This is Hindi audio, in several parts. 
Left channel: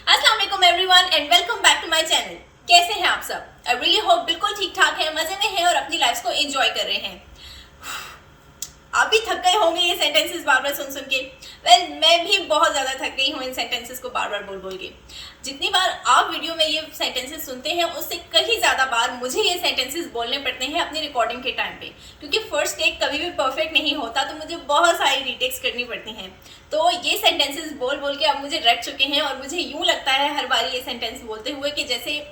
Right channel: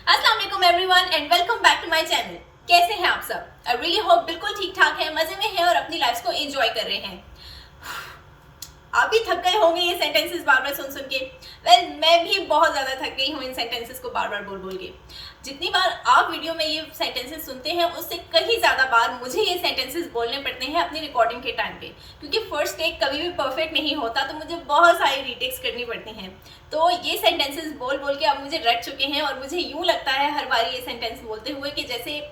अस्सलाम वालेकुम everyone and welcome back to my channel. कैसे हैं आप सब? आई रियली होप बिल्कुल ठीक ठाक है, मजे में हैं और अपनी लाइफ को एंजॉय कर रहे हैं। आप भी थक गए होंगे ये सेंटेंसेस बार बार सुन सुन के। मैं भी बहुत ज्यादा थक गई हूँ इन सेंटेंसेस को बार बार बोल बोल के। जितनी बार आप वीडियो में ये सेंटेंसेस सुनते हैं उससे कहीं ज्यादा बार मुझे ये सेंटेंसेस बोलने पड़ते हैं अपनी रिकॉर्डिंग के टाइम पे, क्योंकि फर्स्ट टेक कभी भी परफेक्ट नहीं होता, तो मुझे बहुत सारी रीटेक्स करनी पड़ती हैं। तो ये सेंटेंसेस बोल बोल के अब मुझे रट चुके हैं और मुझे यूं लगता है हर बार ये सेंटेंस बोलते हुए कि जैसे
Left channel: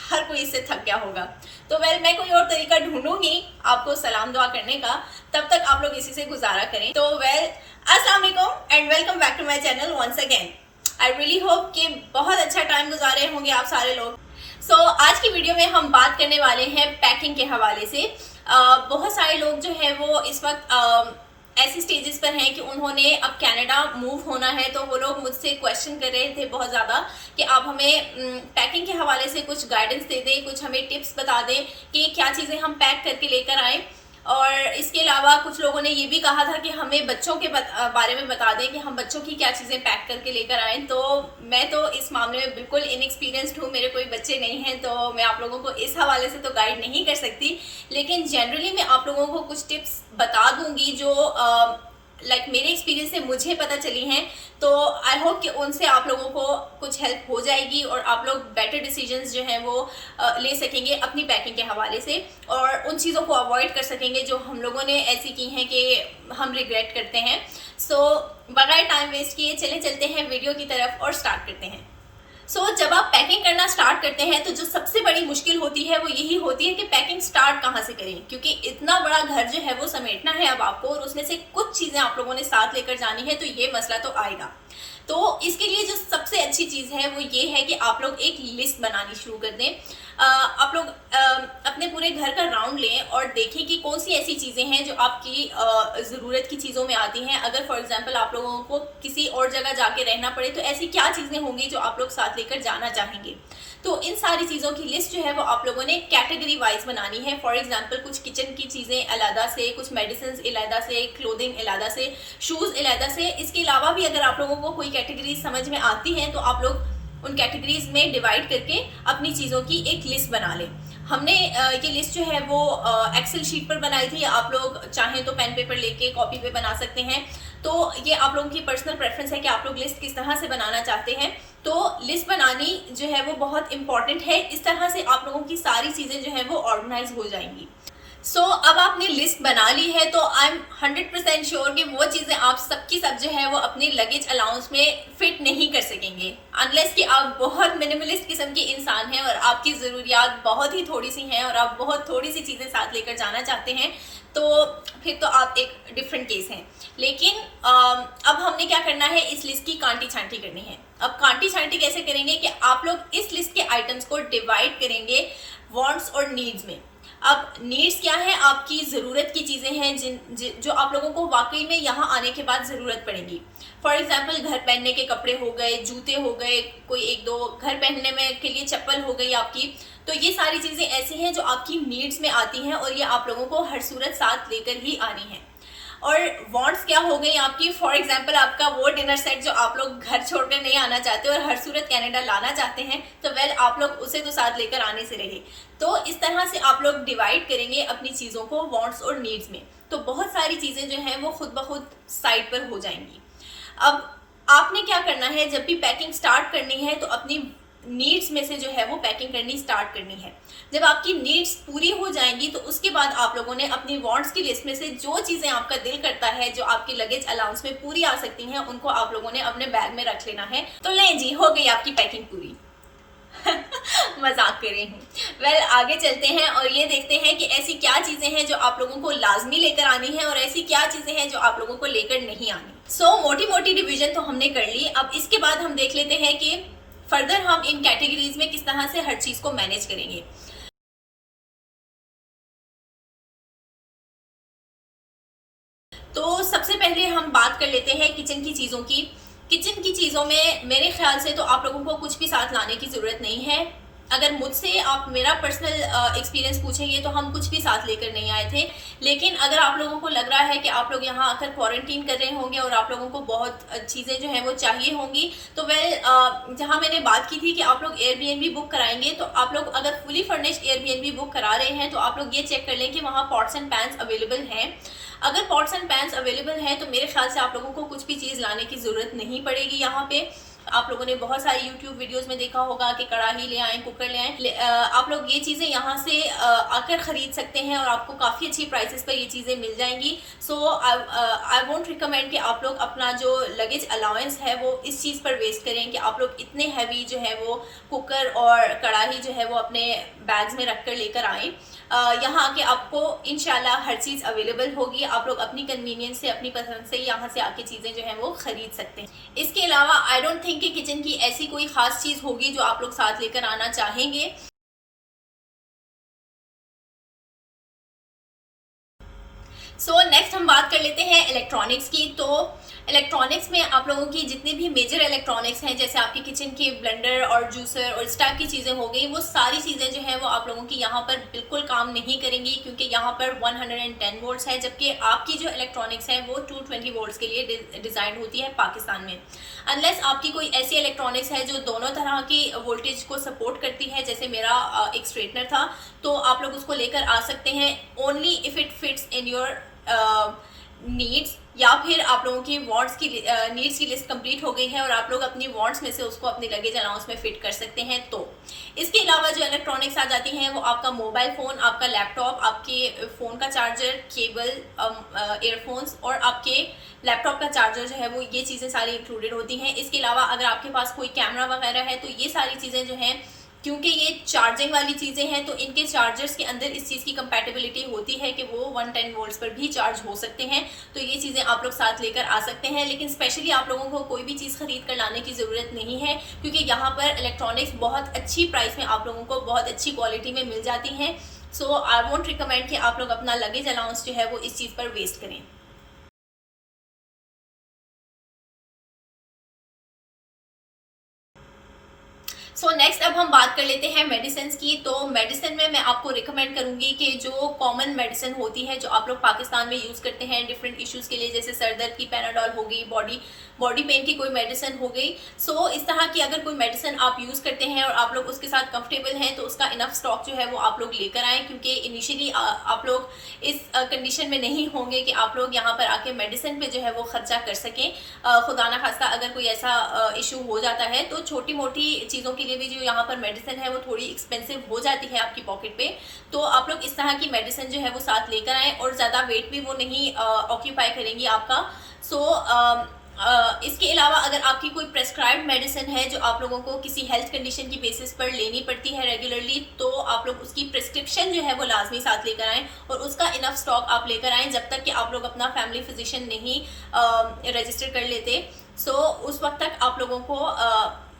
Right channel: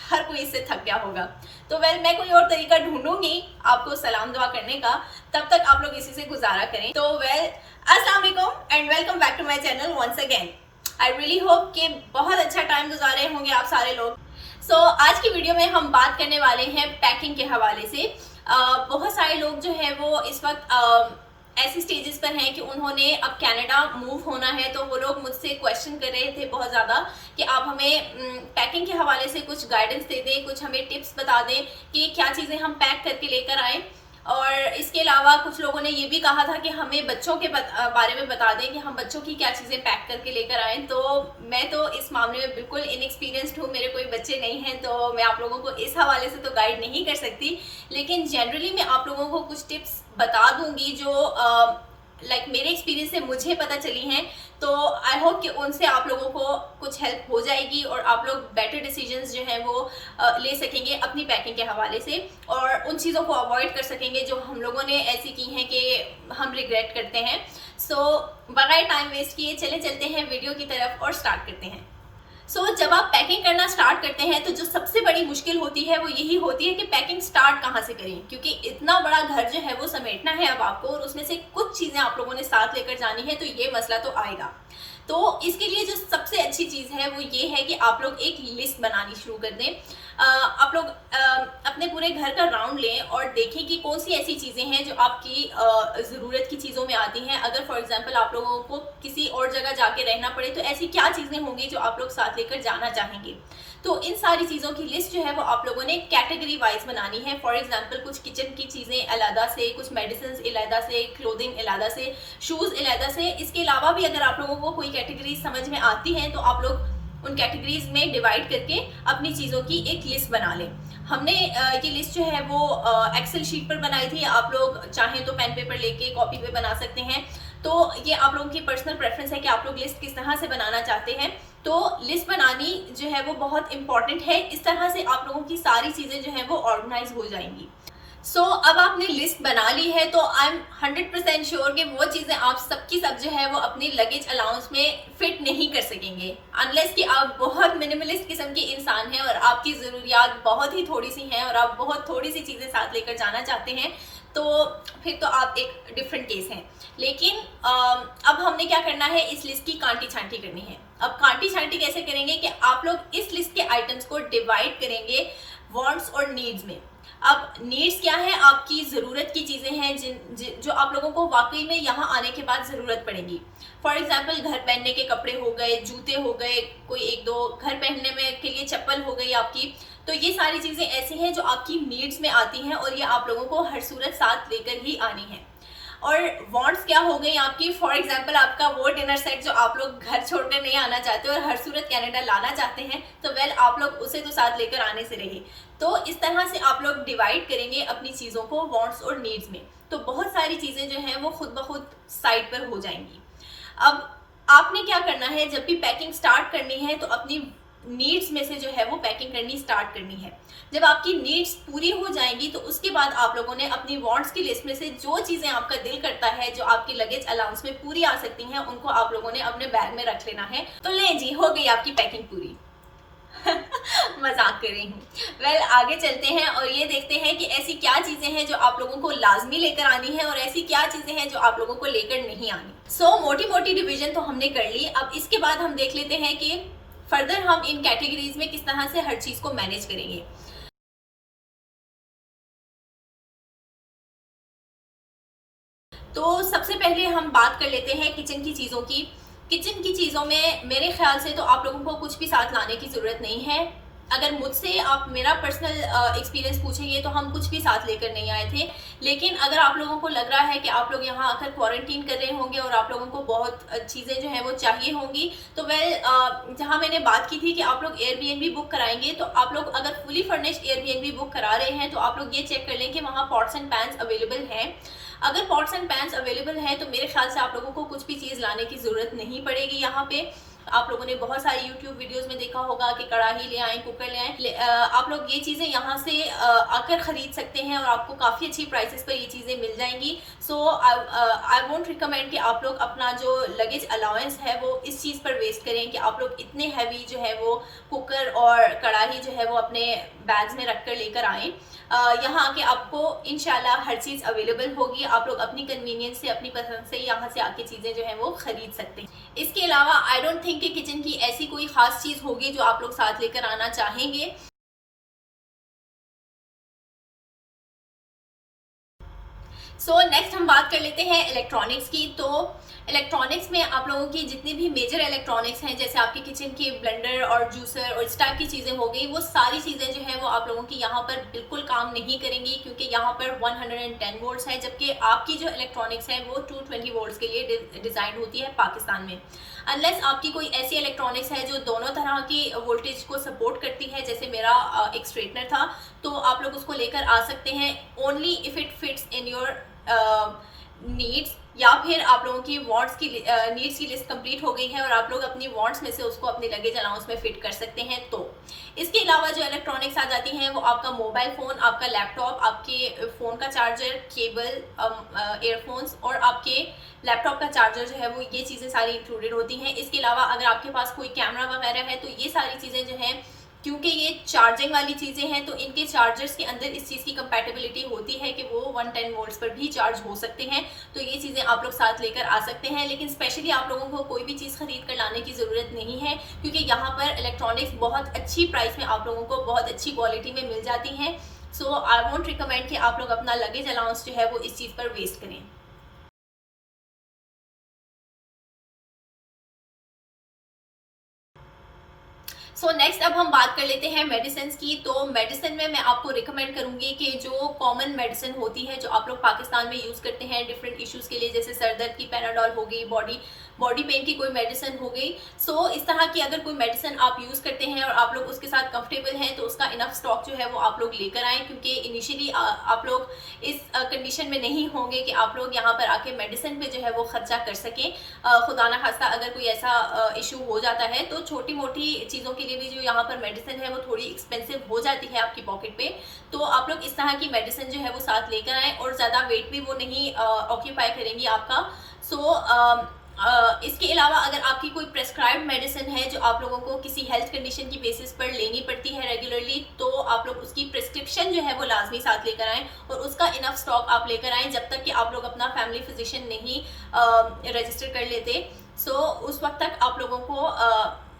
हर कोई इससे थक गया होगा। तो मैं कोई और तरीका ढूंढूंगी आपको सलाम दुआ करने का, तब तक आप लोग इसी से गुजारा करें। तो अस्सलाम वालेकुम and welcome back to my channel once again. I really hope कि बहुत अच्छा टाइम गुजार रहे होंगे आप सारे लोग। सो आज की वीडियो में हम बात करने वाले हैं पैकिंग के हवाले से। बहुत सारे लोग जो है वो इस वक्त ऐसी स्टेजेस पर हैं कि उन्होंने अब कनाडा मूव होना है, तो वो लोग मुझसे क्वेश्चन कर रहे थे बहुत ज़्यादा कि आप हमें पैकिंग के हवाले से कुछ गाइडेंस दे दें, कुछ हमें टिप्स बता दें कि क्या चीज़ें हम पैक करके लेकर आएँ। और इसके अलावा कुछ लोगों ने ये भी कहा था कि हमें बच्चों के बारे में बता दें कि हम बच्चों की क्या चीज़ें पैक करके लेकर आएँ। तो मैं तो इस मामले में बिल्कुल इनएक्सपीरियंस्ड हूँ, मेरे कोई बच्चे नहीं हैं, तो मैं आप लोगों को इस हवाले से तो गाइड नहीं कर सकती। लेकिन जनरली मैं आप लोगों को कुछ टिप्स बता दूंगी जो मेरे एक्सपीरियंस से मुझे पता चली हैं। तो आई होप कि उनसे आप लोगों को कुछ हेल्प हो जाएगी और आप लोग बेटर डिसीजंस जो हैं वो ले सकेंगे अपनी पैकिंग के हवाले से, और उन चीज़ों को अवॉइड कर सकेंगे जो हम लोगों ने ऐसी की हैं कि हम रिग्रेट करते हैं। सो बगैर टाइम वेस्ट किए चलते हैं वीडियो की तरफ और स्टार्ट करते हैं। जब आप पैकिंग करना स्टार्ट करते हैं तो जो सबसे बड़ी मुश्किल होती है वो यही होती है कि पैकिंग स्टार्ट कहाँ से करें, क्योंकि इतना बड़ा घर जो है वो समेटना है अब आपको, और उसमें से कुछ चीज़ें आप लोगों ने साथ लेकर जानी है, तो ये मसला तो आएगा। तो इसके लिए जो सबसे अच्छी चीज़ है वो ये है कि आप लोग एक लिस्ट बनानी शुरू कर दें। आप लोग अपने पूरे घर का राउंड लें और देखें कि कौन सी ऐसी चीज़ें हैं जो आपकी ज़रूरत की चीज़ों में आती हैं। अगर फॉर एग्जांपल आप लोगों को किसी और जगह जाके रहना पड़े तो ऐसी क्या चीज़ें होंगी जो आप लोग साथ लेकर जाना चाहेंगे। तो इन सारी चीज़ों की लिस्ट जो है वो आप लोगों ने कैटेगरी वाइज बनानी है। फॉर एग्जाम्पल कुछ किचन की चीज़ें अलहदा से, कुछ मेडिसिन अलहदा से, क्लोथिंग अलहदा से, शूज़ अलहदा से। इसके अलावा भी अगर आप लोगों को कोई कैटेगरी समझ में आती है तो आप लोग उन कैटेगरीज में डिवाइड करके अपनी चीज़ों की एक लिस्ट बना लें। हमने ये लिस्ट जो है वो एक्सेल शीट पर बनाई थी, आप लोग चाहें तो पेन पेपर लेके कॉपी पे बना सकते हैं। तो ये आप लोगों की पर्सनल प्रेफरेंस है कि आप लोग लिस्ट किस तरह से बनाना चाहते हैं। तो लिस्ट बनानी जो है वो बहुत इंपॉर्टेंट है, इस तरह से आप लोगों की सारी चीज़ें जो है वो ऑर्गेनाइज हो जाएंगी। अब आपने लिस्ट बना ली है तो आई एम 100% श्योर कि वो चीज़ें आप सबकी सब जो है वो अपने लगेज अलाउंस में फिट नहीं कर सकेंगे, अनलेस कि आप बहुत मिनिमलिस्ट किस्म के इंसान हैं और आपकी ज़रूरियात बहुत ही थोड़ी सी हैं और आप बहुत थोड़ी सी चीज़ें साथ लेकर जाना चाहते हैं, तो फिर तो आप एक डिफरेंट केस हैं। लेकिन अब हमने क्या करना है, इस लिस्ट की कांटी छांटी करनी है। अब कांटी छांटी कैसे करेंगे कि आप लोग इस लिस्ट के आइटम्स को डिवाइड करेंगे वांट्स और नीड्स में। अब नीड्स क्या है, आपकी ज़रूरत की चीज़ें हैं जो आप लोगों को वाकई में यहाँ आने के बाद ज़रूरत पड़ेगी। फॉर एग्जांपल घर पहनने के कपड़े हो गए, जूते हो गए, कोई एक दो घर पहनने में के लिए चप्पल हो गई आपकी। तो ये सारी चीज़ें ऐसी हैं जो आपकी नीड्स में आती हैं और ये आप लोगों को हर सूरत साथ लेकर ही आनी है। और वांट्स क्या हो गई आपकी, फॉर एग्जांपल आपका वो डिनर सेट जो आप लोग घर छोड़कर नहीं आना चाहते और हर सूरत कनाडा लाना चाहते हैं, तो आप लोग उसे तो साथ लेकर आने से रहे। तो इस तरह से आप लोग डिवाइड करेंगे अपनी चीज़ों को वांट्स और नीड्स में, तो बहुत सारी चीज़ें जो हैं वो खुद ब खुद साइड पर हो जाएंगी। अब आपने क्या करना है, जब भी पैकिंग स्टार्ट करनी है तो अपनी नीड्स में से जो है वो पैकिंग करनी स्टार्ट करनी है। जब आपकी नीड्स पूरी हो जाएंगी तो उसके बाद आप लोगों ने अपनी वांट्स की लिस्ट में से जो चीज़ें आपका दिल करता है, जो आपके लगेज अलाउंस में पूरी आ सकती हैं, उनको आप लोगों ने अपने बैग में रख लेना है। तो लें जी, हो गई आपकी पैकिंग पूरी। मजाक कर रही हूँ। आगे चलते हैं और ये देखते हैं कि ऐसी क्या चीज़ें हैं जो आप लोगों को लाजमी लेकर आनी है और ऐसी क्या चीज़ें हैं जो आप लोगों को लेकर नहीं आनी। मोटी मोटी डिवीजन तो हमने कर ली। अब इसके बाद हम देख लेते हैं कि फर्दर हम इन कैटेगरीज में किस तरह से हर चीज़ को मैनेज करेंगे। तो सबसे पहले हम बात कर लेते हैं किचन की चीज़ों की। किचन की चीज़ों में मेरे ख्याल से तो आप लोगों को कुछ भी साथ लाने की ज़रूरत नहीं है। अगर मुझसे आप मेरा पर्सनल एक्सपीरियंस पूछेंगे तो हम कुछ भी साथ लेकर नहीं आए थे। लेकिन अगर आप लोगों को लग रहा है कि आप लोग यहाँ आकर क्वारंटीन कर रहे होंगे और आप लोगों को बहुत चीज़ें जो हैं वो चाहिए होंगी, तो जहाँ मैंने बात की थी कि आप लोग एयरबीएनबी बुक कराएंगे, तो आप लोग अगर फुली फर्निश्ड एयरबीएनबी बुक करा रहे हैं तो आप लोग ये चेक कर लें कि वहाँ पॉट्स एंड पैन्स अवेलेबल हैं। अगर पॉट्स एंड पैन्स अवेलेबल हैं तो मेरे ख्याल से आप लोगों को कुछ भी चीज़ लाने की ज़रूरत नहीं पड़ेगी। यहाँ पे आप लोगों ने बहुत सारे YouTube वीडियोस में देखा होगा कि कढ़ाई ले आएँ, कुकर ले आएँ। आप लोग ये चीज़ें यहाँ से आकर ख़रीद सकते हैं और आपको काफ़ी अच्छी प्राइसेस पर ये चीज़ें मिल जाएंगी। सो आई वोंट रिकमेंड कि आप लोग अपना जो लगेज अलाउंस है वो इस चीज़ पर वेस्ट करें कि आप लोग इतने हैवी जो है वो कुकर और कढ़ाई जो है वो अपने बैग्स में रख कर लेकर आएँ। यहाँ आके आपको इंशाल्लाह हर चीज़ अवेलेबल होगी। आप लोग अपनी कन्वीनियंस से, अपनी पसंद से यहाँ से आके चीज़ें जो हैं वो ख़रीद सकते हैं। इसके अलावा आई डोंट थिंक कि किचन की ऐसी कोई ख़ास चीज़ होगी जो आप लोग साथ लेकर आना चाहेंगे। नेक्स्ट हम बात कर लेते हैं इलेक्ट्रॉनिक्स की। तो इलेक्ट्रॉनिक्स में आप लोगों की जितनी भी मेजर इलेक्ट्रॉनिक्स हैं, जैसे आपके किचन की ब्लेंडर और जूसर और इस टाइप की चीज़ें हो गई, वो सारी चीज़ें जो हैं वो आप लोगों की यहाँ पर बिल्कुल काम नहीं करेंगी, क्योंकि यहाँ पर 110 वोल्ट्स है, जबकि आपकी जो इलेक्ट्रॉनिक्स है वो 220 वोल्ट्स के लिए डिज़ाइन होती है पाकिस्तान में। अनलेस आपकी कोई ऐसी इलेक्ट्रॉनिक्स है जो दोनों तरह की वोल्टेज को सपोर्ट करती है, जैसे मेरा एक स्ट्रेटनर था, तो आप लोग उसको लेकर आ सकते हैं only if it fits in your needs, या फिर आप लोगों की वांट्स की नीड्स की लिस्ट कंप्लीट हो गई है और आप लोग अपनी वांट्स में से उसको अपने लगेज अलाउंस में फिट कर सकते हैं। तो इसके अलावा जो इलेक्ट्रॉनिक्स आ जाती हैं वो आपका मोबाइल फ़ोन, आपका लैपटॉप, आपके फ़ोन का चार्जर, केबल, ईयरफोन्स और आपके लैपटॉप का चार्जर जो है वो, ये चीज़ें सारी इंक्लूडेड होती हैं। इसके अलावा अगर आपके पास कोई कैमरा वगैरह है तो ये सारी चीज़ें जो हैं, क्योंकि ये चार्जिंग वाली चीज़ें हैं, तो इनके चार्जर्स के अंदर इस चीज़ की कंपैटिबिलिटी होती है कि वो 110 वोल्ट्स पर भी चार्ज हो सकते हैं। तो ये चीज़ें आप लोग साथ लेकर आ सकते हैं। लेकिन स्पेशली आप लोगों को कोई भी चीज़ खरीद कर लाने की ज़रूरत नहीं है, क्योंकि यहाँ पर इलेक्ट्रॉनिक्स बहुत अच्छी प्राइस में आप लोगों को बहुत अच्छी क्वालिटी में मिल जाती हैं। सो आई वोंट रिकमेंड कि आप लोग अपना लगेज अलाउंस जो है वो इस चीज़ पर वेस्ट करें। नेक्स्ट अब हम बात कर लेते हैं मेडिसिन की। तो मेडिसिन में मैं आपको रिकमेंड करूंगी कि जो कॉमन मेडिसिन होती है जो आप लोग पाकिस्तान में यूज़ करते हैं डिफरेंट इश्यूज़ के लिए, जैसे सर दर्द की पैराडॉल हो गई, बॉडी पेन की कोई मेडिसिन हो गई। इस तरह की अगर कोई मेडिसिन आप यूज़ करते हैं और आप लोग उसके साथ कंफर्टेबल हैं तो उसका इनफ स्टॉक जो है वो आप लोग लेकर आएँ, क्योंकि इनिशियली आप लोग इस कंडीशन में नहीं होंगे कि आप लोग यहाँ पर आके मेडिसिन पे जो है वो खर्चा कर सकें। खुदा ना खास्ता अगर कोई ऐसा इशू हो जाता है तो छोटी मोटी चीज़ों के लिए भी जो यहाँ पर मेडिसिन है वो थोड़ी एक्सपेंसिव हो जाती है आपकी पॉकेट पे। तो आप लोग इस तरह की मेडिसिन जो है वो साथ लेकर आएँ, और ज़्यादा वेट भी वो नहीं ऑक्यूपाई करेंगी आपका। इसके अलावा अगर आपकी कोई प्रेस्क्राइब्ड मेडिसिन है जो आप लोगों को किसी हेल्थ कंडीशन की बेसिस पर लेनी पड़ती है रेगुलरली, तो आप लोग उसकी प्रिस्क्रिप्शन जो है वो लाजमी साथ लेकर आएँ और उसका इनफ स्टॉक आप लेकर आएँ जब तक कि आप लोग अपना फैमिली फिजिशियन नहीं रजिस्टर कर लेते। उस वक्त तक आप लोगों को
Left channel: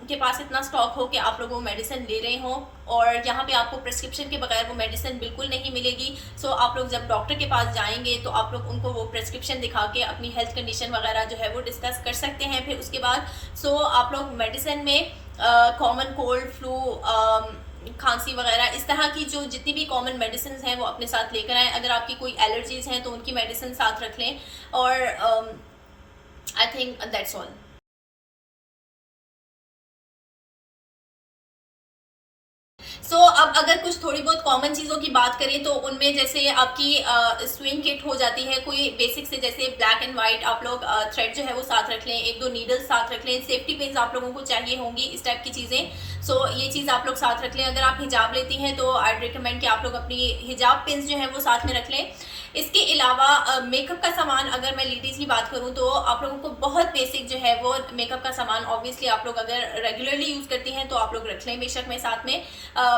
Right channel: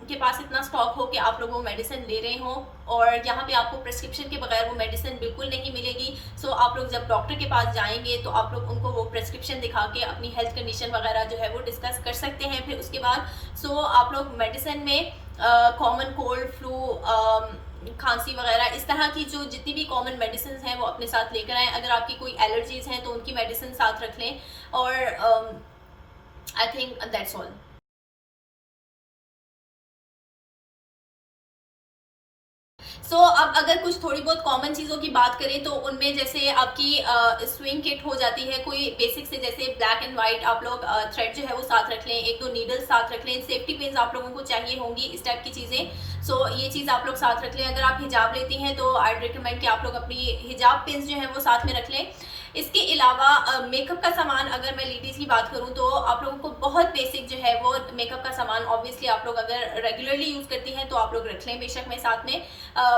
के पास इतना स्टॉक हो कि आप लोग वो मेडिसिन ले रहे हो, और यहाँ पे आपको प्रिस्क्रिप्शन के बगैर वो मेडिसिन बिल्कुल नहीं मिलेगी। आप लोग जब डॉक्टर के पास जाएंगे तो आप लोग उनको वो प्रिस्क्रिप्शन दिखा के अपनी हेल्थ कंडीशन वगैरह जो है वो डिस्कस कर सकते हैं। फिर उसके बाद आप लोग मेडिसिन में कॉमन कोल्ड, फ्लू, खांसी वगैरह इस तरह की जो जितनी भी कॉमन मेडिसिन हैं वो अपने साथ लेकर आएँ। अगर आपकी कोई एलर्जीज हैं तो उनकी मेडिसिन साथ रख लें, और आई थिंक दैट्स ऑल। अब अगर कुछ थोड़ी बहुत कॉमन चीज़ों की बात करें तो उनमें जैसे आपकी स्विंग किट हो जाती है, कोई बेसिक से जैसे ब्लैक एंड वाइट आप लोग थ्रेड जो है वो साथ रख लें, 1-2 नीडल्स साथ रख लें, सेफ्टी पिन्स आप लोगों को चाहिए होंगी, इस टाइप की चीज़ें। ये चीज़ आप लोग साथ रख लें। अगर आप हिजाब लेती हैं तो आई रिकमेंड कि आप लोग अपनी हिजाब पिन्स जो है वो साथ में रख लें। इसके अलावा मेकअप का सामान, अगर मैं लेडीज़ की बात करूं तो आप लोगों को बहुत बेसिक जो है वो मेकअप का सामान ऑब्वियसली आप लोग अगर रेगुलरली यूज़ करती हैं तो आप लोग रख लें बेशक। मैं साथ में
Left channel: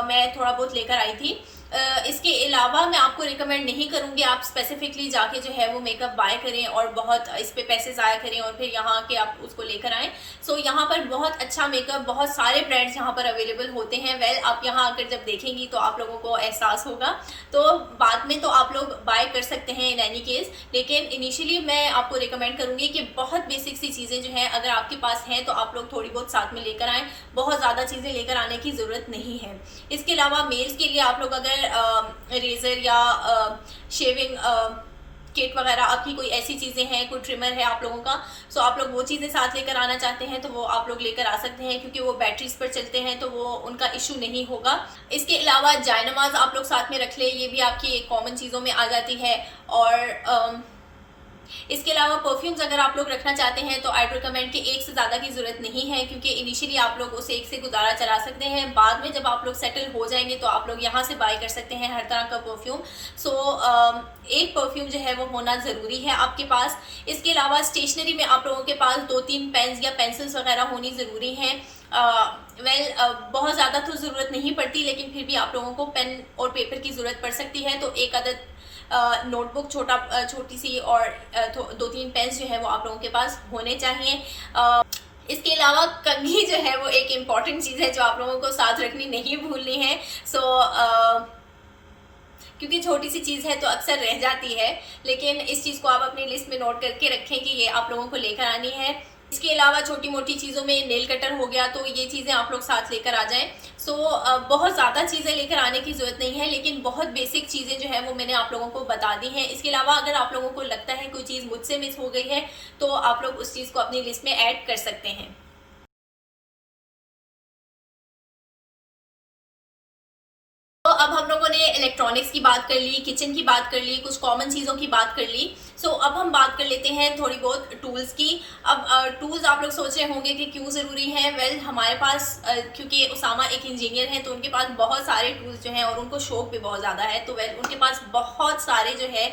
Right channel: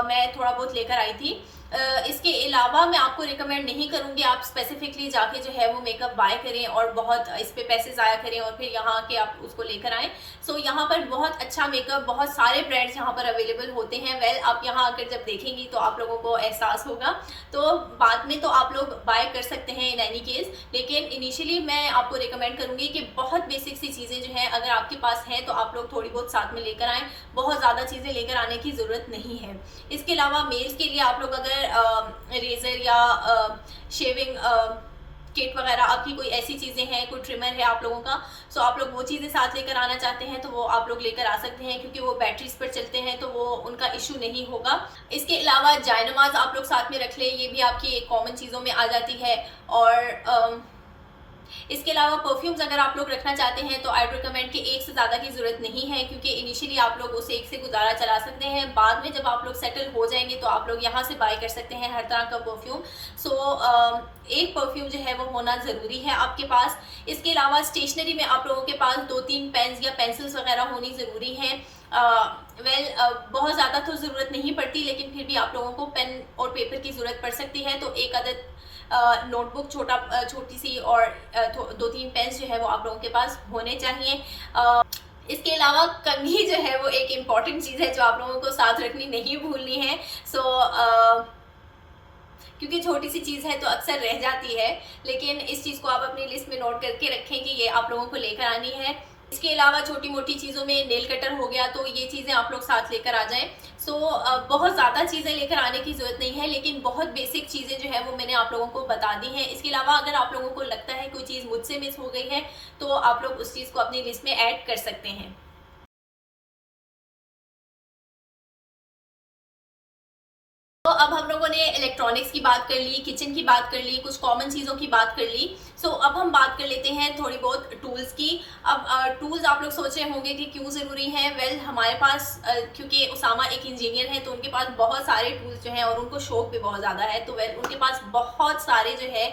मैं थोड़ा बहुत लेकर आई थी। इसके अलावा मैं आपको रिकमेंड नहीं करूँगी आप स्पेसिफिकली जाके जो है वो मेकअप बाय करें और बहुत इस पे पैसे ज़ाया करें और फिर यहाँ के आप उसको लेकर आएँ। सो यहाँ पर बहुत अच्छा मेकअप, बहुत सारे ब्रांड्स यहाँ पर अवेलेबल होते हैं। वेल आप यहाँ आकर जब देखेंगी तो आप लोगों को एहसास होगा, तो बाद में तो आप लोग बाय कर सकते हैं इन एनी केस, लेकिन इनिशियली मैं आपको रिकमेंड करूँगी कि बहुत बेसिक सी चीज़ें जो हैं अगर आपके पास हैं तो आप लोग थोड़ी बहुत साथ में लेकर आएँ, बहुत ज़्यादा चीज़ें लेकर आने की ज़रूरत नहीं है। इसके अलावा मेल्स के लिए आप लोग अगर रेज़र या शेविंग किट वगैरह आपकी कोई ऐसी चीज़ें हैं, कोई ट्रिमर है आप लोगों का, सो आप लोग वो चीज़ें साथ लेकर आना चाहते हैं तो वो आप लोग लेकर आ सकते हैं, क्योंकि वो बैटरीज पर चलते हैं तो वो उनका इशू नहीं होगा। इसके अलावा जायनमाज आप लोग साथ में रख ले, ये भी आपकी कॉमन चीज़ों में आ जाती है। और इसके अलावा परफ्यूम्स अगर आप लोग रखना चाहते हैं तो आई रिकमेंड कि एक से ज़्यादा की ज़रूरत नहीं है, क्योंकि इनिशियली आप लोग उसे एक से गुजारा चला सकते हैं, बाद में जब आप लोग सेटल हो जाएंगे तो आप लोग यहाँ से बाय कर सकते हैं हर तरह का परफ्यूम। सो एक परफ्यूम जो है वो होना ज़रूरी है आपके पास। इसके अलावा स्टेशनरी में आप लोगों के पास 2-3 पेन्स या पेंसिल्स वगैरह होनी ज़रूरी हैं। बहुत ज़्यादा तो ज़रूरत नहीं पड़ती, लेकिन फिर भी आप लोगों को पेन और पेपर की ज़रूरत पड़ सकती है, तो एक आदत नोटबुक छोटी सी और 2-3 पेन्स जो है वो आप लोगों के पास होने चाहिए। इसके अलावा कंघी जो है वो एक इम्पॉर्टेंट चीज़ है जो आप लोगों को साथ रखनी नहीं भूलनी है। क्योंकि छोटी सी चीज़ है तो अक्सर रह जाती है, लेकिन इस चीज़ को आप अपनी लिस्ट में नोट करके रखें कि ये आप लोगों को लेकर आनी है। इसके अलावा छोटी मोटी चीज़ों में नेल कटर हो गया, तो ये चीज़ें आप लोग साथ लेकर आ जाएं। बहुत ज़्यादा चीज़ें लेकर आने की ज़रूरत नहीं है, लेकिन बहुत बेसिक चीज़ें जो है वो मैंने आप लोगों को बता दी हैं। इसके अलावा अगर आप लोगों को लगता है कोई चीज़ मुझसे मिस हो गई है तो आप लोग उस चीज़ को अपनी लिस्ट में ऐड कर सकते हैं। तो अब हम लोगों ने इलेक्ट्रॉनिक्स की बात कर ली, किचन की बात कर ली, कुछ कॉमन चीज़ों की बात कर ली। अब हम बात कर लेते हैं थोड़ी बहुत टूल्स की। अब टूल्स आप लोग सोच रहे होंगे कि क्यों ज़रूरी है। वेल हमारे पास क्योंकि उसामा एक इंजीनियर है तो उनके पास बहुत सारे टूल्स जो हैं और उनको शौक भी बहुत ज़्यादा है, तो वेल उनके पास बहुत सारे जो है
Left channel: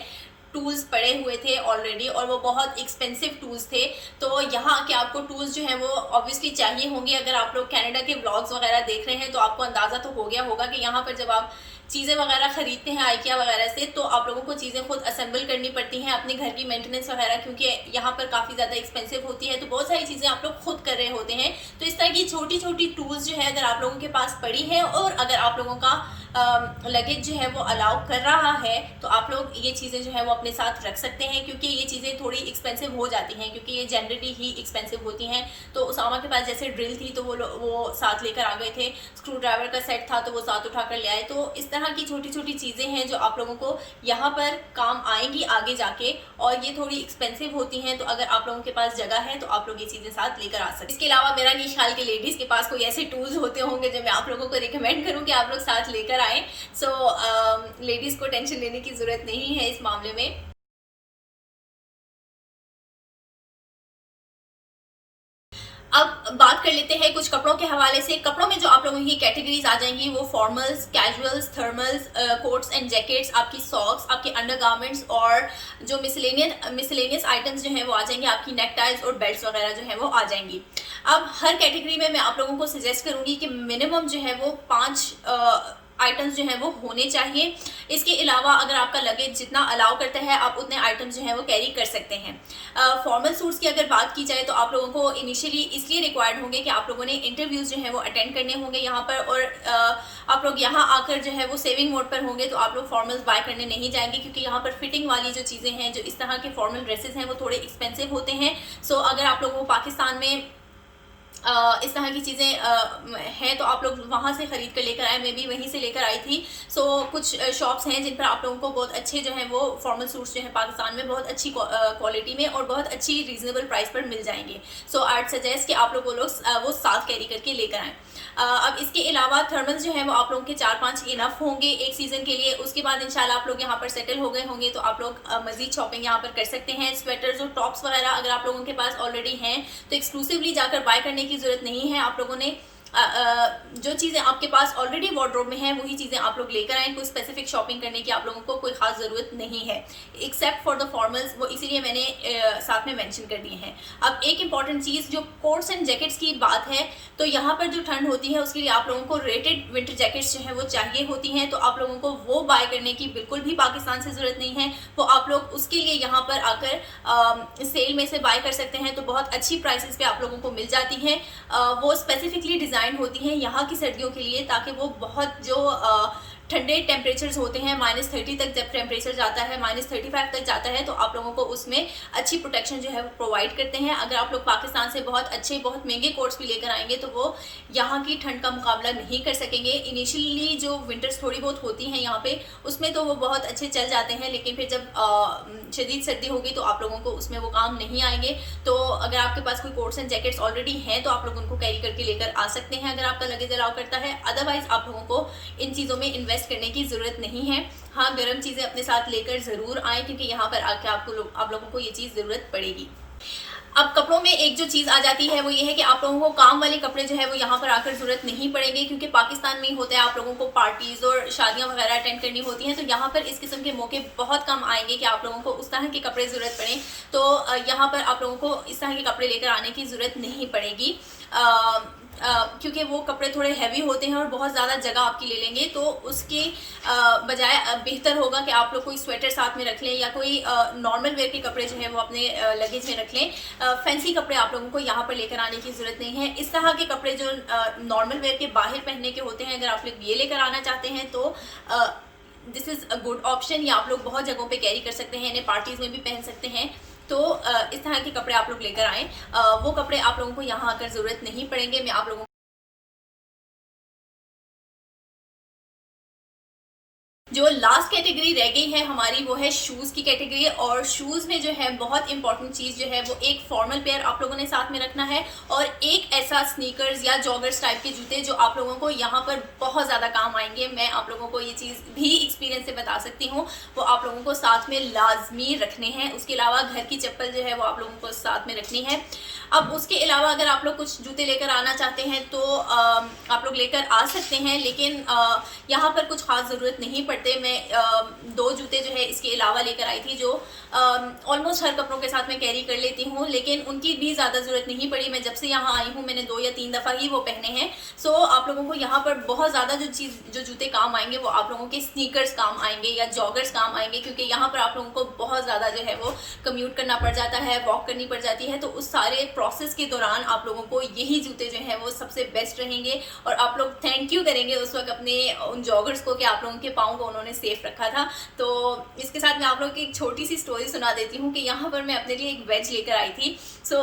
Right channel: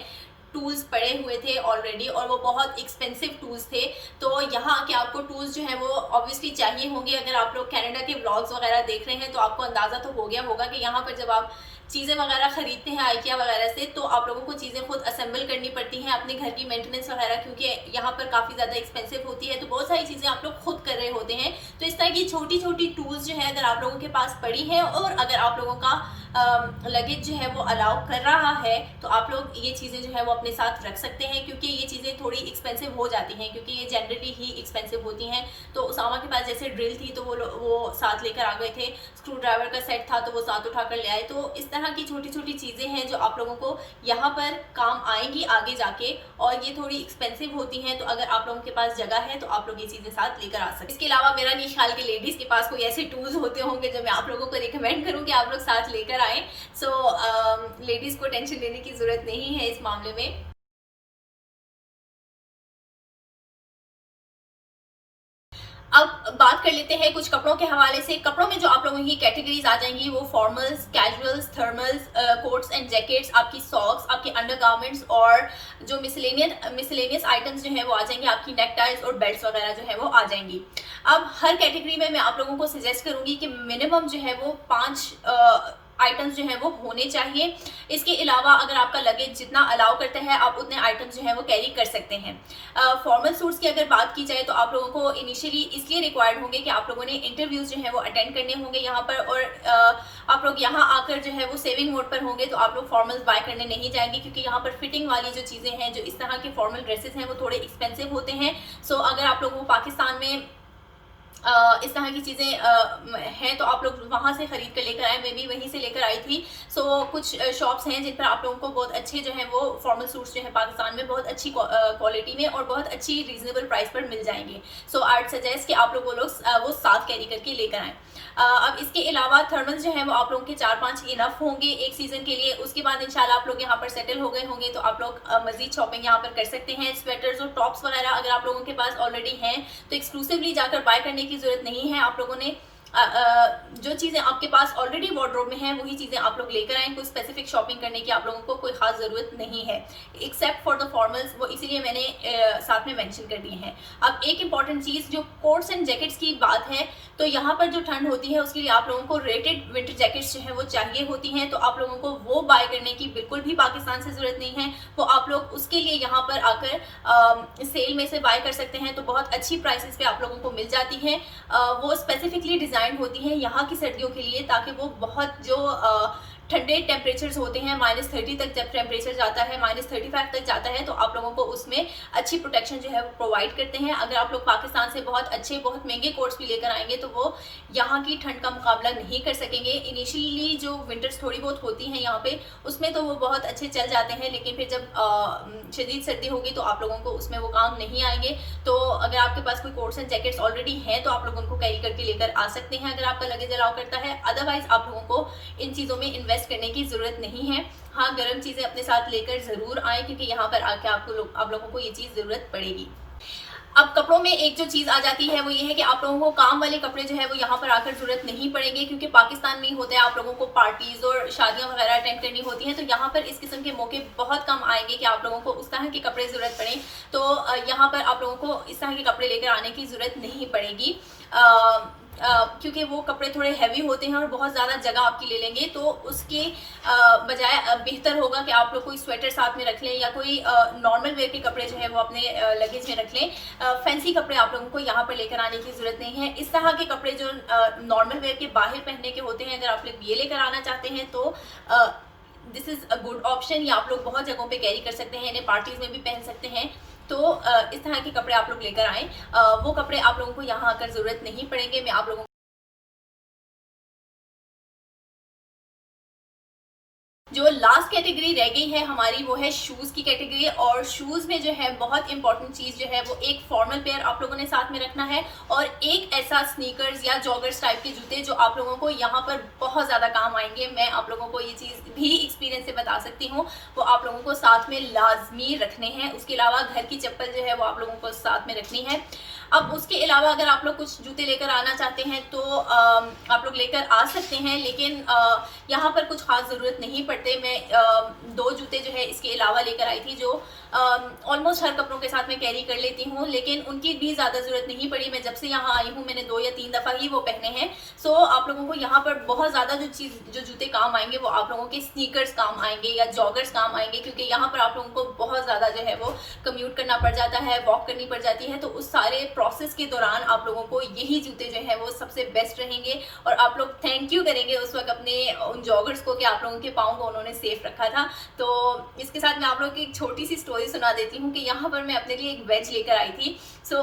टूल्स पड़े हुए थे ऑलरेडी, और वो बहुत एक्सपेंसिव टूल्स थे। तो यहाँ के आपको टूल्स जो हैं वो ऑब्वियसली चाहिए होंगे। अगर आप लोग कनाडा के ब्लॉग्स वगैरह देख रहे हैं तो आपको अंदाज़ा तो हो गया होगा कि यहाँ पर जब आप चीज़ें वगैरह खरीदते हैं आइकिया वगैरह से, तो आप लोगों को चीज़ें खुद असेंबल करनी पड़ती हैं, अपने घर की मेंटेनेंस वगैरह, क्योंकि यहाँ पर काफ़ी ज़्यादा एक्सपेंसिव होती है, तो बहुत सारी चीज़ें आप लोग खुद कर रहे होते हैं। तो इस तरह की छोटी छोटी टूल्स जो है अगर आप लोगों के पास पड़ी है और अगर आप लोगों का लगेज जो है वो अलाउ कर रहा है तो आप लोग ये चीज़ें जो है वो अपने साथ रख सकते हैं, क्योंकि ये चीज़ें थोड़ी एक्सपेंसिव हो जाती हैं, क्योंकि ये जनरली ही एक्सपेंसिव होती हैं। तो उसामा के पास जैसे ड्रिल थी तो वो साथ लेकर आ गए थे, स्क्रू ड्राइवर का सेट था तो वो साथ उठा कर ले आए। तो इस तरह की छोटी छोटी चीज़ें हैं जो आप लोगों को यहाँ पर काम आएंगी आगे जाके, और ये थोड़ी एक्सपेंसिव होती हैं। तो अगर आप लोगों के पास जगह है तो आप लोग ये चीज़ें साथ लेकर आ सकते हैं। इसके अलावा मेरा नहीं ख्याल कि लेडीज़ के पास कोई ऐसे टूल्स होते होंगे जो मैं आप लोगों को रिकमेंड करूँ कि आप लोग साथ लेकर आएँ। लेडीज़ को टेंशन लेने की ज़रूरत नहीं है इस मामले में। अब बात कर लेते हैं कुछ कपड़ों के हवाले से। कपड़ों में जो आप लोगों की कैटेगरीज आ जाएंगी वो formals, casuals, thermals, quotes and jackets, आपकी सॉक्स, आपके अंडरगारमेंट्स, और जो मिसलेनियस आइटम्स जो हैं वो आ जाएंगे, आपकी नेक टाइज और बेल्ट्स वगैरह जो है वो आ जाएंगी। अब हर कैटेगरी में मैं आप लोगों को सजेस्ट करूंगी कि मिनिमम जो है वो 5 आइटम्स जो हैं वो होने चाहिए। इसके अलावा अगर आपका लगेज जितना अलाउ करता है आप उतने आइटम्स जो हैं वो कैरी कर सकते हैं। फॉर्मल सूट्स की अगर बात की जाए तो आप लोगों को इनिशियली इसलिए रिक्वायर्ड होंगे कि आप लोगों ने इंटरव्यूज़ जो हैं वो अटेंड करने होंगे यहाँ पर, और आप लोग यहाँ आकर जो है वो सेविंग मोड पर होंगे, तो आप लोग फॉर्मल्स बाय करने नहीं जाएंगे, क्योंकि यहाँ पर फिटिंग वाली जो चीज़ें हैं, जो इस तरह के फॉर्मल ड्रेसेस हैं वो थोड़े एक्सपेंसिव होते हैं। अगर आप लोगों को पाकिस्तान में इस तरह की चीज़ें हैं तो आप लोग वहाँ से ख़रीद कर लेकर आए। मैं भी वहीं से लेकर आई थी। कुछ शॉप्स हैं जिन पर आप लोगों को बहुत अच्छे जो हैं वो फॉर्मल सूट्स जो हैं पाकिस्तान में बहुत अच्छी क्वालिटी में और बहुत अच्छी रीज़नेबल प्राइस पर मिल जाएंगे। आई सजेस्ट कि आप लोग वो साथ कैरी करके लेकर आएँ। अब इसके अलावा थर्मल्स जो हैं वो आप लोगों के 4-5 इनफ होंगे एक सीज़न के लिए। उसके बाद इंशाल्लाह आप लोग यहाँ पर सेटल हो गए होंगे तो आप लोग मज़ीद शॉपिंग यहाँ पर कर सकते हैं। स्वेटर्स और टॉप्स वगैरह अगर आप लोगों के पास ऑलरेडी हैं तो एक्सक्लूसिवली जाकर बाय करने की ज़रूरत नहीं है। आप लोगों ने जो चीज़ें आपके पास ऑलरेडी वार्डरोब में हैं वही चीज़ें आप लोग लेकर आएँ। कोई स्पेसिफिक शॉपिंग करने की आप लोगों को कोई खास ज़रूरत नहीं है, एक्सेप्ट फॉर द फॉर्मल्स, वो इसीलिए मैंने साथ में मेंशन कर दिए हैं। अब एक इंपॉर्टेंट चीज़, जो कोट्स एंड जैकेट्स की बात है, तो यहाँ पर जो ठंड होती है उसके लिए आप लोगों को रेटेड विंटर जैकेट्स जो है वो चाहिए होती हैं, तो आप लोगों को वो बाय करने की बिल्कुल भी पाकिस्तान से ज़रूरत नहीं है। वो आप लोग उसके लिए यहाँ पर आकर सेल में से बाय कर सकते हैं, तो बहुत अच्छी प्राइसेस पे आप लोगों को मिल जाती हैं। वो स्पेसिफिकली डिज़ाइन होती हैं यहाँ की सर्दियों के लिए, ताकि वो बहुत जो ठंडे टेम्परेचर्स होते हैं, -30 तक जब टेम्परेचर जाता है, -35 तक जाता है, तो आप लोगों को उसमें अच्छी प्रोटेक्शन जो है वो प्रोवाइड करते हैं। अगर आप लोग पाकिस्तान से बहुत अच्छे बहुत महंगे कोट्स भी लेकर आएंगे तो वो यहाँ की ठंड का मुकाबला नहीं कर सकेंगे। इनिशियली जो विंटर्स थोड़ी बहुत होती हैं यहाँ पे, उसमें तो वो बहुत अच्छे चल जाते हैं, लेकिन फिर जब शदीद सर्दी होगी तो आप लोगों को उसमें वो काम नहीं आएंगे। तो अगर आपके पास कोई कोट्स एंड जैकेट्स ऑलरेडी हैं तो आप लोग उनको कैरी करके लेकर आ सकते हैं, अगर आपका लगेज अलाउ करता है। अदरवाइज आप लोगों को इन चीज़ों में इन्वेस्ट करने की ज़रूरत नहीं है। हाँ, गर्म चीज़ें अपने साथ लेकर ज़रूर आएँ, क्योंकि यहाँ पर आके आप लोगों को ये चीज़ ज़रूरत पड़ेगी। अब कपड़ों में एक जो चीज़ आ जाती है वो ये है कि आप लोगों को काम वाले कपड़े जो है वो यहाँ पर आकर ज़रूरत नहीं पड़ेंगे, क्योंकि पाकिस्तान में ही होता है, आप लोगों को पार्टीज़ और शादियाँ वगैरह अटेंड करनी होती हैं, तो यहाँ पर इस किस्म के मौके बहुत कम आएंगे कि आप लोगों को उस तरह के कपड़े ज़रूरत पड़े। तो यहाँ पर आप लोगों को इस तरह के कपड़े लेकर आने की ज़रूरत नहीं पड़ेगी, क्योंकि वो कपड़े थोड़े हैवी होते हैं और बहुत ज़्यादा जगह आपकी ले लेंगे। तो उसके बजाय बेहतर होगा कि आप लोग कोई स्वेटर साथ में रख लें, या कोई नॉर्मल वेयर के कपड़े जो है वो अपने लगेज में रख लें। फैंसी कपड़े आप लोगों को यहाँ पर लेकर आने की ज़रूरत नहीं है। इस तरह के कपड़े जो नॉर्मल वेयर के बाहर पहनने के होते हैं, अगर आप लोग ये लेकर आना चाहते हैं तो this is a good option. या आप लोग बहुत जगहों पे कैरी कर सकते हैं, इन्हें पार्टीज़ में भी पहन सकते हैं। तो इस तरह के कपड़े आप लोग लेकर आएँ। वो कपड़े आप लोगों को यहाँ आकर ज़रूरत नहीं पड़ेंगे। मैं आप लोगों जो लास्ट कैटेगरी रह गई है हमारी, वो है शूज़ की कैटेगरी। और शूज़ में जो है बहुत इंपॉर्टेंट चीज़ जो है वो एक फॉर्मल पेयर आप लोगों ने साथ में रखना है, और एक ऐसा स्नीकर्स या जॉगर्स टाइप के जूते जो आप लोगों को यहाँ पर बहुत ज़्यादा काम आएंगे। मैं आप लोगों को ये चीज़ भी एक्सपीरियंस से बता सकती हूँ, वो आप लोगों को साथ में लाजमी रखने हैं। उसके अलावा घर की चप्पल जो है वो आप लोगों को साथ में रखनी है। अब उसके अलावा अगर आप लोग कुछ जूते लेकर आना चाहते हैं तो आप लोग लेकर आ सकते हैं, लेकिन यहाँ पर कुछ खास ज़रूरत नहीं पड़ते। मैं 2 जूते जो है इसके अलावा लेकर आई थी, जो ऑलमोस्ट हर कपड़ों के साथ मैं कैरी कर लेती हूँ, लेकिन उनकी भी ज़्यादा ज़रूरत नहीं पड़ी। मैं जब से यहाँ आई हूँ मैंने 2 या 3 दफ़ा ही वो पहने हैं। सो आप लोगों को यहाँ पर बहुत ज़्यादा जो जूते काम आएंगे वो आप लोगों के स्नीकर्स काम आएंगे या जॉगर्स काम आएंगे, क्योंकि यहाँ पर आप लोगों को बहुत ज़्यादा जो है वो कम्यूट करना पड़ जाता है, वॉक करनी पड़ जाती है। तो उस सारे प्रोसेस के दौरान आप लोगों को यही जूते जो हैं वो सबसे बेस्ट रहेंगे, और आप लोग थैंक यू करेंगे उस वक्त अपने उन जॉगर्स को कि आप लोगों के पाँव को उन्होंने सेफ रखा था। तो इसके साथ मैं आप लोगों की एक छोटी सी स्टोरी सुना देती हूँ कि यहाँ पर मैं अपने लिए एक वेज लेकर आई थी। सो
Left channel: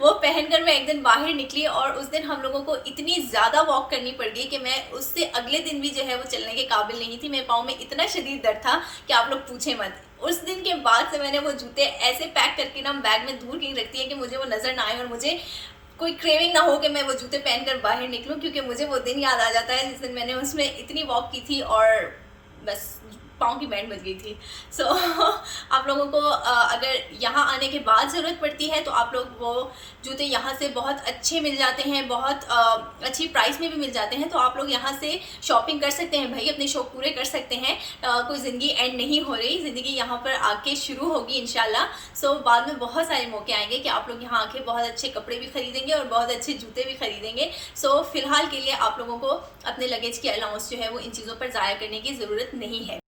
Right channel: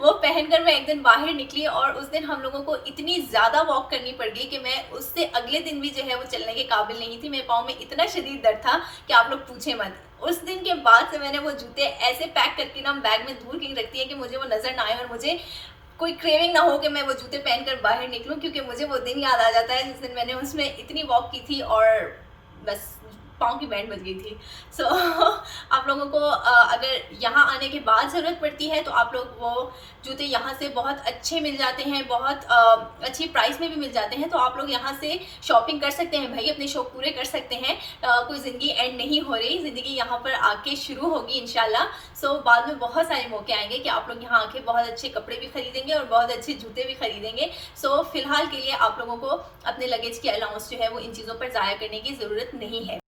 वो पहनकर मैं एक दिन बाहर निकली, और उस दिन हम लोगों को इतनी ज़्यादा वॉक करनी पड़ गई कि मैं उससे अगले दिन भी जो है वो चलने के काबिल नहीं थी। मेरे पाँव में इतना शदीद दर्द था कि आप लोग पूछें मत। उस दिन के बाद से मैंने वो जूते ऐसे पैक करके ना बैग में दूर कहीं रखती है कि मुझे वो नज़र ना आए, और मुझे कोई क्रेविंग ना हो कि मैं वो जूते पहनकर बाहर निकलूं, क्योंकि मुझे वो दिन याद आ जाता है जिस दिन मैंने उसमें इतनी वॉक की थी और बस पाँव की बैंड बज गई थी। सो आप लोगों को अगर यहाँ आने के बाद ज़रूरत पड़ती है तो आप लोग वो जूते यहाँ से बहुत अच्छे मिल जाते हैं, बहुत अच्छी प्राइस में भी मिल जाते हैं। तो आप लोग यहाँ से शॉपिंग कर सकते हैं भाई, अपने शौक पूरे कर सकते हैं। कोई ज़िंदगी एंड नहीं हो रही, ज़िंदगी यहाँ पर आके शुरू होगी इंशाल्लाह। सो बाद में बहुत सारे मौके आएंगे कि आप लोग यहाँ आके बहुत अच्छे कपड़े भी खरीदेंगे और बहुत अच्छे जूते भी खरीदेंगे। सो फिलहाल के लिए आप लोगों को अपने लगेज की अलाउंस जो है वो इन चीज़ों पर ज़ाया करने की ज़रूरत नहीं है।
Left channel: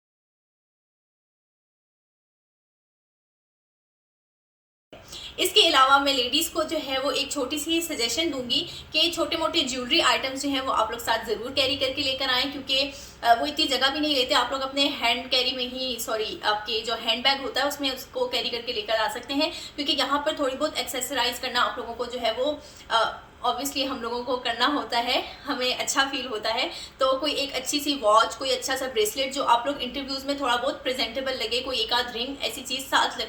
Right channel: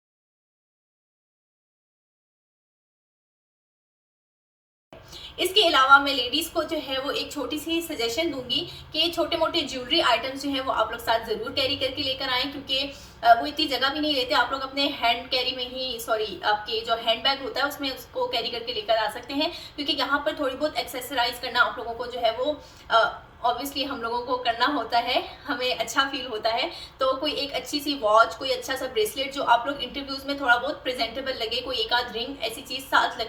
इसके अलावा मैं लेडीज़ को जो है वो एक छोटी सी सजेशन दूंगी कि छोटे मोटे ज्वेलरी आइटम्स जो हैं वो आप लोग साथ ज़रूर कैरी करके लेकर आएँ, क्योंकि वो इतनी जगह भी नहीं लेते। आप लोग अपने हैंड कैरी में ही आपके जो हैंड बैग होता है उसमें उसको कैरी करके लेकर आ सकते हैं, क्योंकि यहाँ पर थोड़ी बहुत एक्सेसराइज करना आप लोगों को जो है वो ऑब्वियसली हम लोगों को करना होता है, हमें अच्छा फील होता है। तो कोई एक अच्छी सी वॉच, कोई अच्छा सा ब्रेसलेट जो आप लोग इंटरव्यूज़ में थोड़ा बहुत प्रेजेंटेबल लगे, कोई एक आध रिंग, ऐसी चीज़ साथ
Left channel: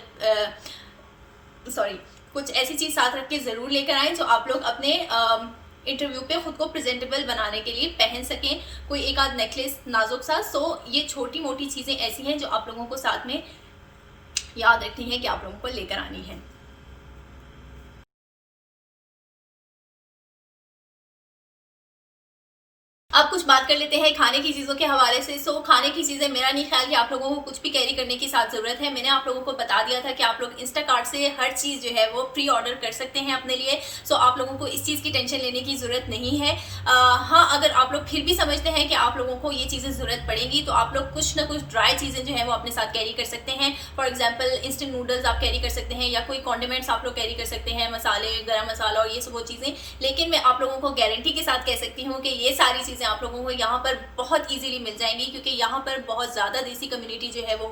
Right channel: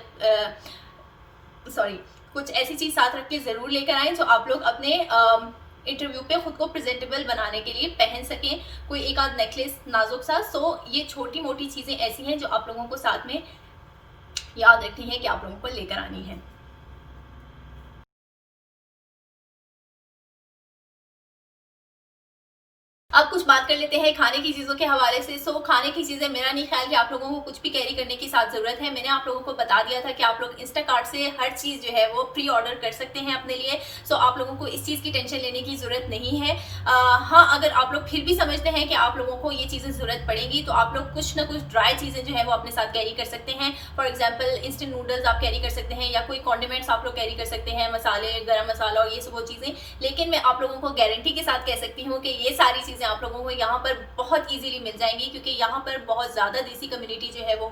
कुछ ऐसी चीज़ साथ रख के ज़रूर लेकर आएँ जो आप लोग अपने इंटरव्यू पे खुद को प्रेजेंटेबल बनाने के लिए पहन सकें। कोई एक आध नेकलेस नाजुक सा। सो ये छोटी मोटी चीज़ें ऐसी हैं जो आप लोगों को साथ में याद रखनी है कि आप लोगों को लेकर आनी है। अब कुछ बात कर लेते हैं खाने की चीज़ों के हवाले से। सो खाने की चीज़ें, मेरा नहीं ख्याल कि आप लोगों को कुछ भी कैरी करने की साथ ज़रूरत है। मैंने आप लोगों को बता दिया था कि आप लोग इंस्टाकार्ट से हर चीज़ जो है वो प्री ऑर्डर कर सकते हैं अपने लिए। सो आप लोगों को इस चीज़ की टेंशन लेने की ज़रूरत नहीं है। हाँ, अगर आप लोग फिर भी समझते हैं कि आप लोगों को ये चीज़ें ज़रूरत पड़ेगी तो आप लोग कुछ ना कुछ ड्राई चीज़ें जो है वो अपने साथ कैरी कर सकते हैं। फॉर एग्जाम्पल इंस्टेंट नूडल्स आप कैरी कर सकते हैं, या कोई कॉन्डिमेंट्स आप लोग कैरी कर सकते हैं, मसाले, गरम मसाला और ये सब वो चीज़ें। लेकिन मैं आप लोगों को गारंटी के साथ कह सकती हूँ कि ये सारी चीज़ें आप लोगों को यहाँ पर बहुत इजीली मिल जाएंगी, क्योंकि यहाँ पर बहुत ज़्यादा देसी कम्युनिटी जो है वो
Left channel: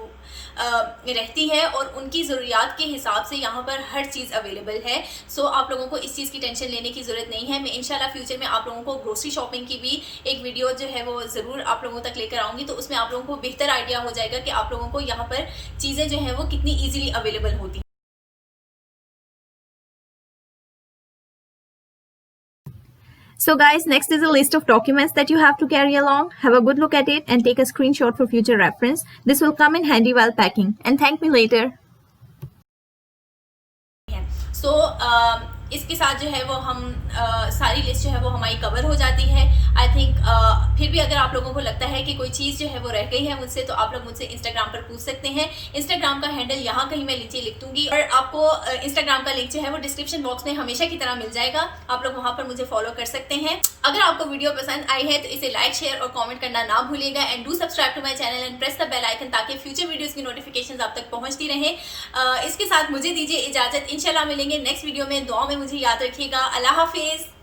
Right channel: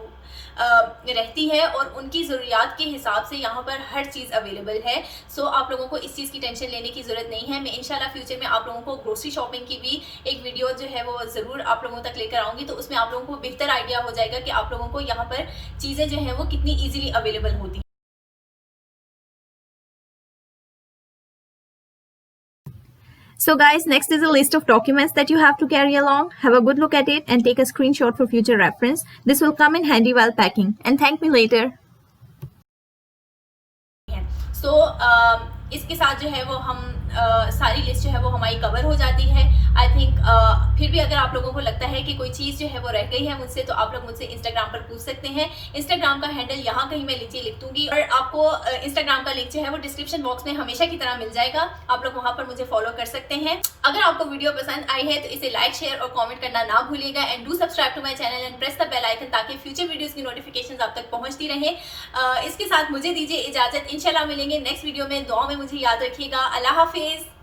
रहती है और उनकी ज़रूरियात के हिसाब से यहाँ पर हर चीज़ अवेलेबल है। सो आप लोगों को इस चीज़ की टेंशन लेने की ज़रूरत नहीं है। मैं इंशाल्लाह फ्यूचर में आप लोगों को ग्रोसरी शॉपिंग की भी एक वीडियो जो है वो ज़रूर आप लोगों तक लेकर आऊँगी, तो उसमें आप लोगों को बेहतर आइडिया हो जाएगा कि आप लोगों को यहाँ पर चीज़ें जो है वो कितनी ईजिली अवेलेबल होती हैं। So guys, next is a list of documents that you have to carry along. Have a good look at it and take a screenshot for future reference. This will come in handy while packing. And thank me later. सो इसके साथ जो है वो हम सारी लिस्ट जो है वो हमारी कवर हो जाती है। आई थिंक फिर भी अगर आप लोगों को लगता है कि कोई चीज़ जो है वो रह गई है मुझसे, तो आप लोग मुझसे इंस्टाग्राम पर पूछ सकते हैं। इंस्टाग्राम का हैंडल यहाँ कहीं मैं नीचे लिख दूंगी, और आपको इंस्टाग्राम का लिंक जो है वो डिस्क्रिप्शन बॉक्स में हमेशा की तरह मिल जाएगा। आप लोग वहाँ पर मुझे फॉलो कर सकते हैं। अगर आपको वीडियो पसंद आई है तो इसे लाइक, शेयर और कॉमेंट करना ना भूलिएगा। And do subscribe to my channel and press the bell icon, ताकि फ्यूचर वीडियोज़ की नोटिफिकेशन आप तक पहुँचती रहे। इसके साथ मुझे दीजिए इजाज़त। इंशाल्लाह मिलेंगे नेक्स्ट वीडियो में। दुआ में मुझे याद रखिएगा। अल्लाह हाफिज़।